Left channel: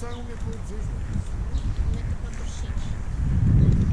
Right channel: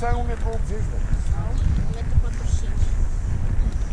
să ai 1,80 m. 1,45 m.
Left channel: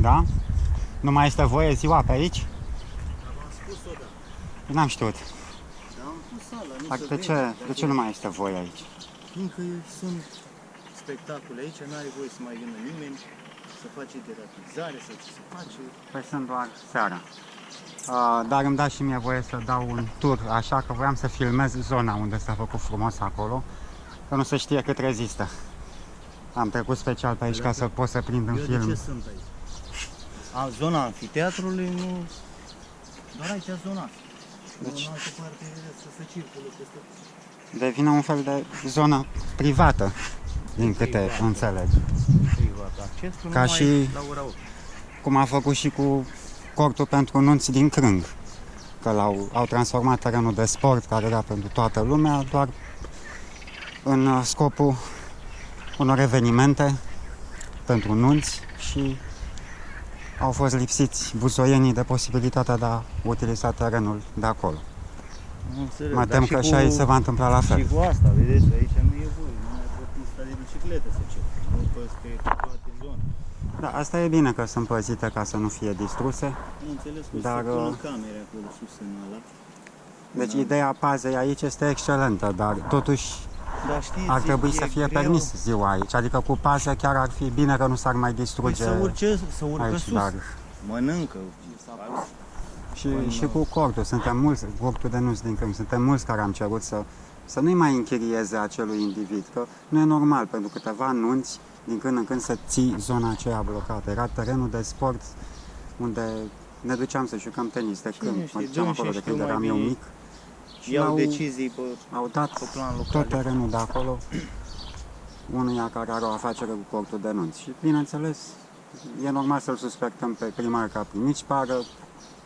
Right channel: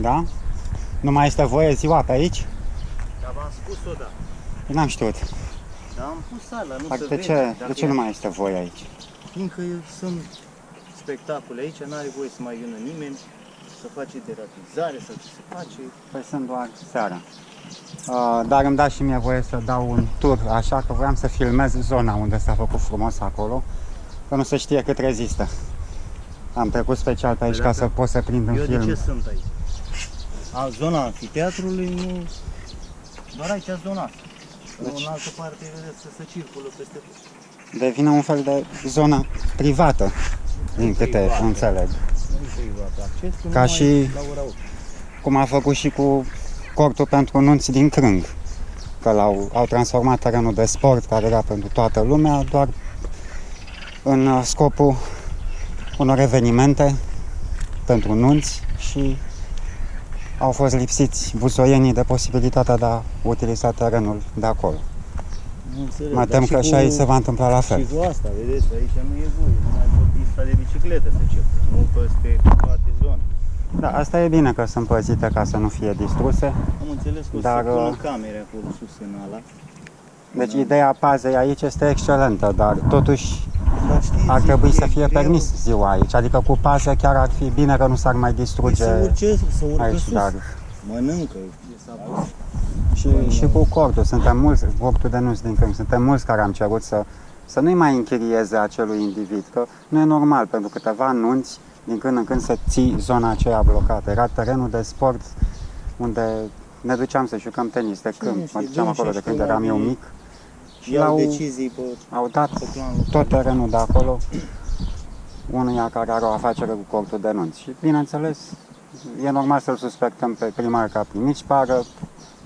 Da? Nu mai este voie ziua pe aici? Dar v-am spus-o, da. N-am știut. Dar am pus sala, nu Dar se de vede. ce, de ce nu mai este voie aici? Fiindcă sunt spectacole aici, n-are voie să mai vină nimeni, să face deratizare sau ce se face. Păi sunt doar seara. Dar îmi dați și mie voie să dau un tur, așa că voiam să filmez zona unde s-a făcut frumos acolo, că nu se știe cât rezistă. Am trecut special pe aici ca să pot să prind în Eu film. de ce sunt aici? Zona anfiteatrului, nu... Doar aici zona asta. Deci- În altă parte, vedeți, să circulă peste tot. Devine un fel de zonă privată, din câte Privată. înțeleg. Nu privat, accesul Ca numai și- la ora 8. Cum a făcut și cu cortul pentru nunți din Crâng. Că au transformat terenul de sport care era pentru toată lumea doar în scopul unor evenimente pentru nunți și au fost lipsiți buzoienii de posibilitatea de a utiliza terenul de acolo. Nu înțeleg, Mă dar tem că și aici se va întâmpla la Și fel. cu asta, vedeți, aici nu e voie, numai pe pista de bicicletă să circule, nu peste toate zone. Da, asta e bine că sunt păzite ca să nu fie distruse. Am înțeles că o Dar, să pună camere acolo sus în ala. Deci Da. ideea pazei aici este excelentă, dar totuși Dar știți, ar trebui e să fie greu permis ziua aici. Adică cu pază chiar ar fi bine că nu s-ar mai distruge să urcă aici, sus, dar mănâncă. și cu cortul. Suntem mulți, cortul de nunți din Crâng, suntem mulți care am cerut să nu-i mai închirieze acelui individ, că nu e normal pentru câteva nunți din când în când să ții zona aceea blocată. Era terenul de sport unde ne duceam să jucăm tenis de câmp. Cine Mă știe, duceam acolo de știu când mai eram eu bine. mic. Și Iau decizii pe au dat plan local. tot terenul de acolo unuia care are o afacere cu cortul de nunți. Și bineînțeles, e normal să-l suspectăm pe primar că a primit șpară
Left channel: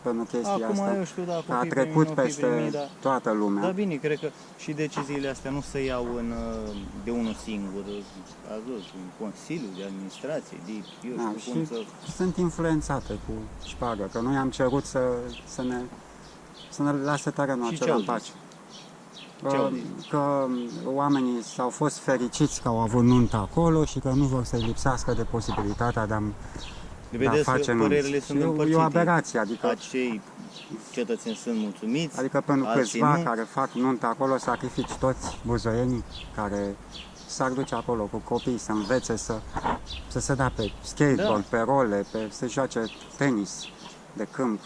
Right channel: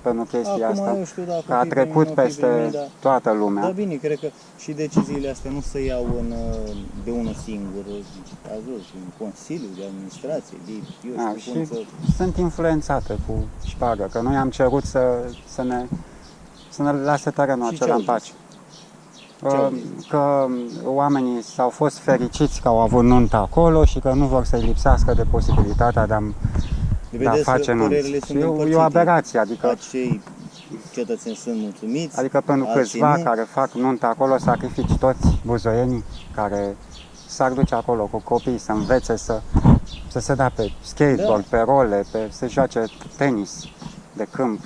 pentru chestia Acum asta, eu știu dacă că a fi trecut primit, nu fi peste primit, dar- toată lumea. Da, bine, cred că și deciziile astea nu se iau de unul singur. Ați văzut, în Consiliul de Administrație, de eu Da, știu cum și să... sunt influențate cu șpagă, că noi am cerut să ne lase terenul Și acela ce au în pace. Ce au zis? Că oamenii s-au fost fericiți că au avut nuntă acolo și că nu vor să-i lipsească de posibilitatea de a Vedeți că face părerile nunți. sunt E o împărțite. aberație, adică Acei cetățeni sunt mulțumiți. Adică pentru alții câțiva nu. care fac nuntă acolo, sacrifici toți buzoienii care s-ar duce acolo cu copii să învețe să se dea pe skateboard, pe role, să joace tenis de câmp.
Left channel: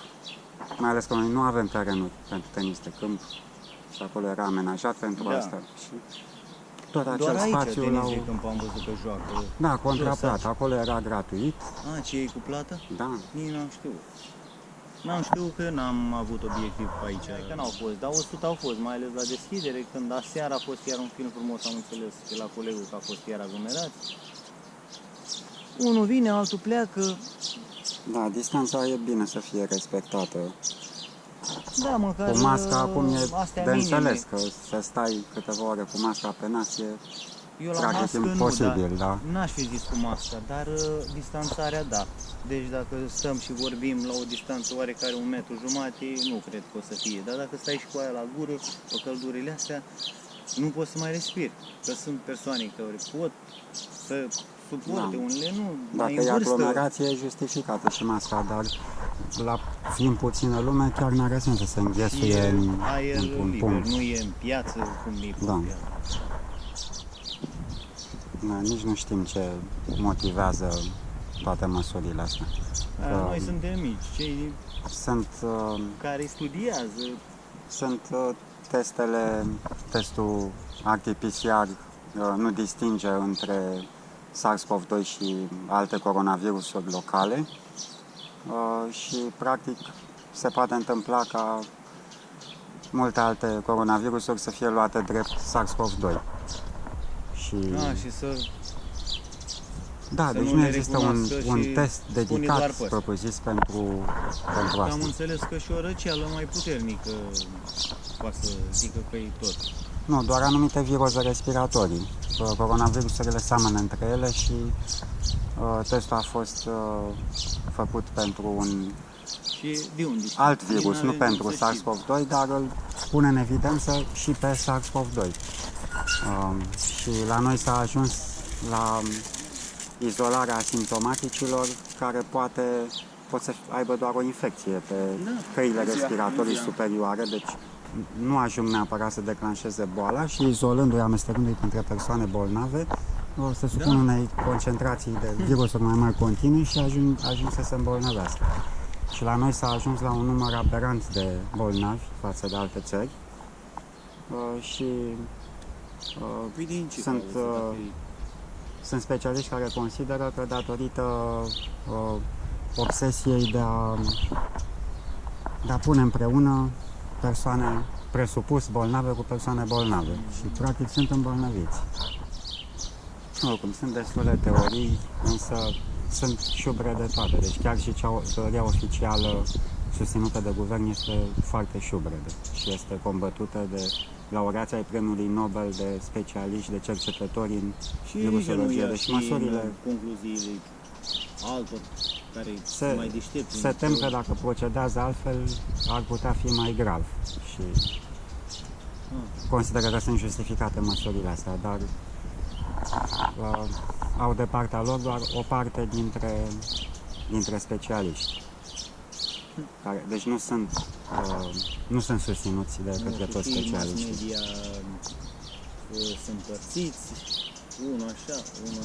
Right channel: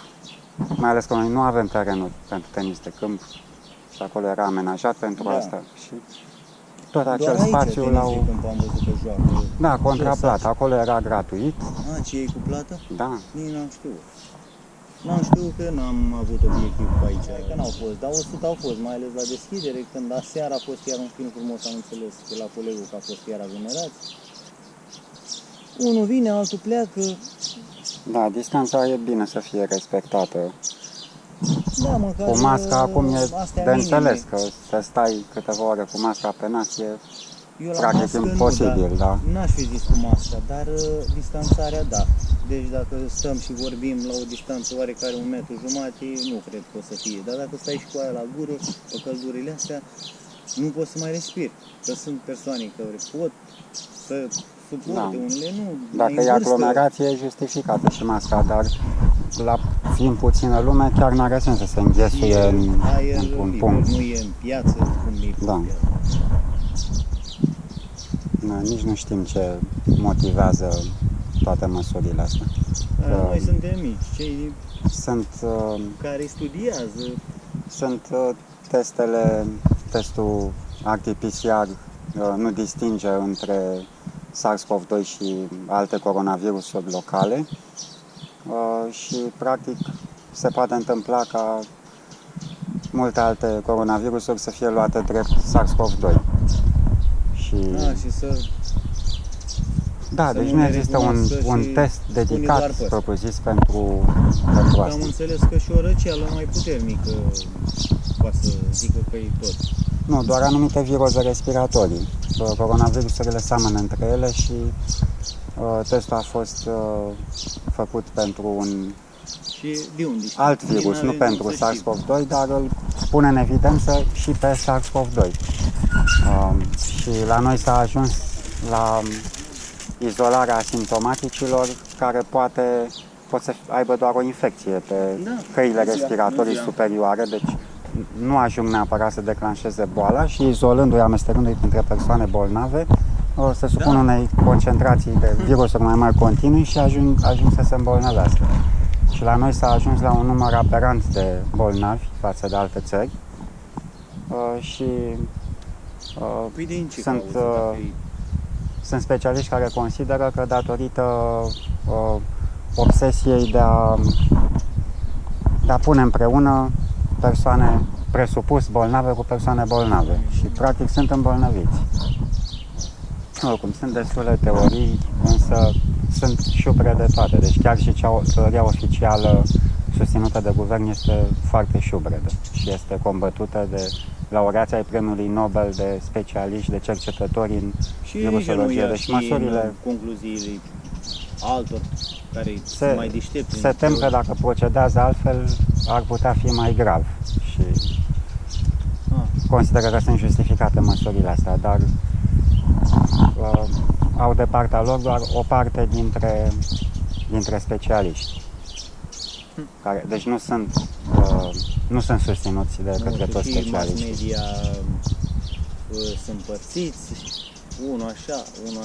Mai ales că noi nu avem terenuri pentru tenis de câmp și acolo era amenajat pentru asta. Și tot acel Doar aici, spațiu tenis l-au... de câmp am văzut că joacă. Da, contra plată. Acolo era gratuit. Ce e cu plată? Da. Nici n-am știut. N-am știut că n-am avut obiectiv pe aici. Că n-au fost, dar 100 au fost, mai ales la deschidere, când aseară a fost iar un film frumos, am înțeles de la colegul că a fost iar aglomerați. Unul vine, altul pleacă. Da, distanța e bine să fie respectată. Da, măcar Cu masca acum e astea de minime. înțeles că să stai câteva ore cu masca pe nas e Eu la practic mască imposibil, nu, da. N-aș fi zis cu masca, dar distanțarea da. Deci dacă stăm și vorbim la o distanță oarecare 1,5 metru, nu cred că o să fie. Dar dacă stai și cu aia la gură, pe căldurile astea, nu poți să mai respiri. Că sunt persoane care pot să suporte, unele nu. Dacă mai e în vârstă. aglomerație, e justificată și masca, dar la fiind puțină lume, chiar n-are sens să se înghesuie în aer un liber, punct. nu e în piață cum e pe Da. piață. Da. Da, nici nu știm ce motivează toate măsurile astea. Noi suntem mici, cei Sunt, care studiază. sunt testul RT-PCR nu distinge între SARS-CoV-2 și alte coronavirusuri locale și practic se poate întâmpla ca multe alte coronavirusuri să fie luate drept SARS-CoV-2. Și să Da, să deci nu nu ne există recunoască un și test spune dedicat doar pe ăsta. propriu-zis pentru Am asta. înțeles că și o răceală mai puternică poate să zică că e tot. Nu, doar anumite viroze respiratorii. Coronavirusurile seamănă între ele și testul a fost făcut pentru un Și de unde știi? alt Nici virus, nu n-avem pentru cum să știm. SARS-CoV-2, dar îl pune în evidență și pe SARS-CoV-2. Și la noi s-a ajuns la izolarea asimptomaticilor care pot să aibă doar o infecție pe căile respiratorii superioare, deci nu ajung neapărat să declanșeze boala și izolându-i, amestecându-i printre persoane bolnave, se supun unei concentrații de virusuri mai mari continui și ajung să se îmbolnăvească. Și la noi s-a ajuns la un număr aberant de bolnavi față de alte țări și Păi de în ce sunt, cauză, dacă e- sunt specialiști care consideră că datorită obsesiei de a pune împreună persoane presupus bolnave cu persoane bolnave și practic sunt îmbolnăviți. Oricum, sunt destule teorii, însă sunt șubre de toate. Deci chiar și teoria oficială susținută de guvern este foarte șubredă și este combătută de laureații ai premiului Nobel, de specialiști, de cercetători în și virusologie. Deci măsurile concluziile altor care sunt mai deștepți. se tem că dacă procedează altfel ar putea fi mai grav și consideră că sunt justificate măsurile astea, dar au de partea lor doar o parte dintre specialiști. Deci nu sunt susținuți de către toți Și mass specialiștii. media sunt împărțiți, unul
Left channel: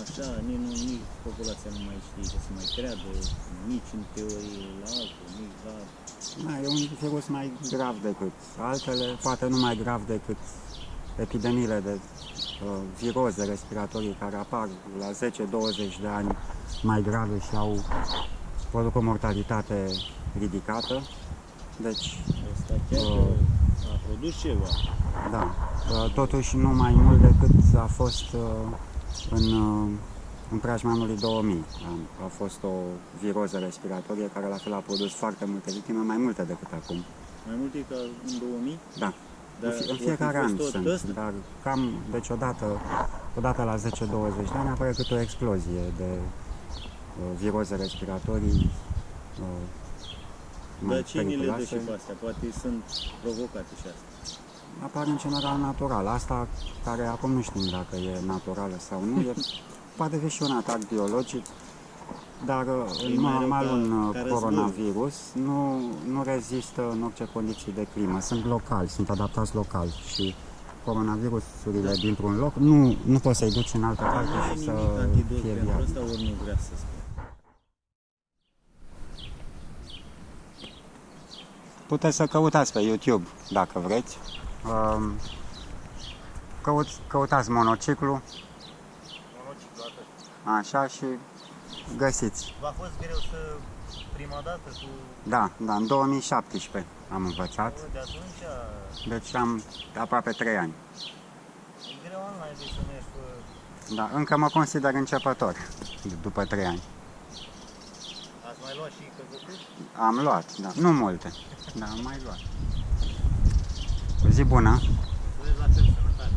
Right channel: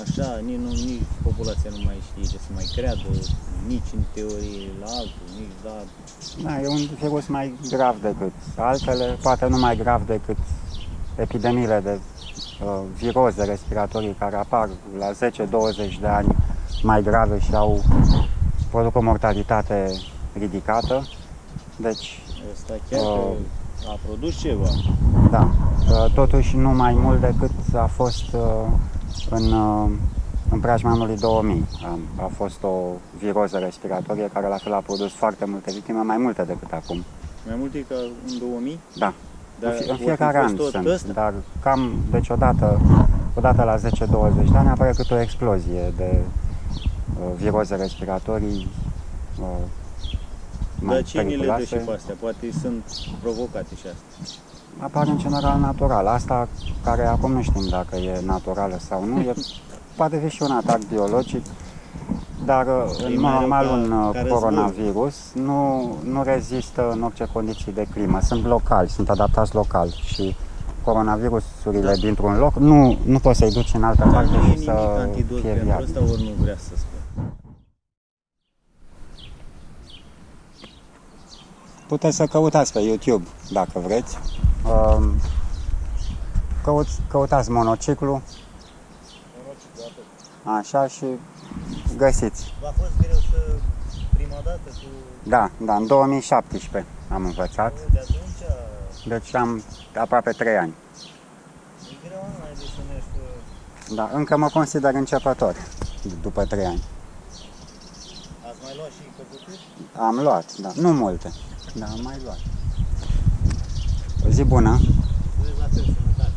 așa, nici populația nu mai știe ce să mai creadă, nici în teorie la altul, nici la... Da, e un virus mai grav decât altele, poate nu mai grav decât epidemiile de viroze respiratorii care apar la 10-20 de ani mai grave și produc o mortalitate ridicată. Deci, Ăsta chiar că a produs ceva. da, totuși nu mai mult decât a fost în preajma anului 2000. A fost o viroză respiratorie care la fel a produs foarte multe victime, mai multe decât acum. Mai multe ca în 2000? Da. Dar În fiecare an sunt, ăsta? dar cam, deci odată la 10-20 de ani apare câte o explozie de viroze respiratorii mai Dar cine le dă și periculoase. pe astea? Poate sunt provocate și astea. Apar în general natural. Asta care acum nu știm dacă e naturală sau nu, poate fi și un atac biologic. dar în E mod mai rău normal ca un războiul. coronavirus nu rezistă în orice condiții de climă. Sunt locali, sunt adaptați local și coronavirusurile dintr-un loc nu poți să-i duci în altă Dar parte nu e și nimic să antidot fie pentru viabil. asta, ori nu vrea să spun. Puteți să căutați pe YouTube dacă vreți. Căutați monociclu, Monociclu, atât. așa, și găsiți. V-a fost greu să prima dată cu... Da, în 2017 am învățat, De atunci deci am aproape 3 ani. e greu nu mai de să mergi pe... Da, încă mă consider începător după 3 ani. Ați mai luat și căzături? Am luat, da, nu multe, dar am mai luat. O zi bună! Mulțumesc la fel, sănătate!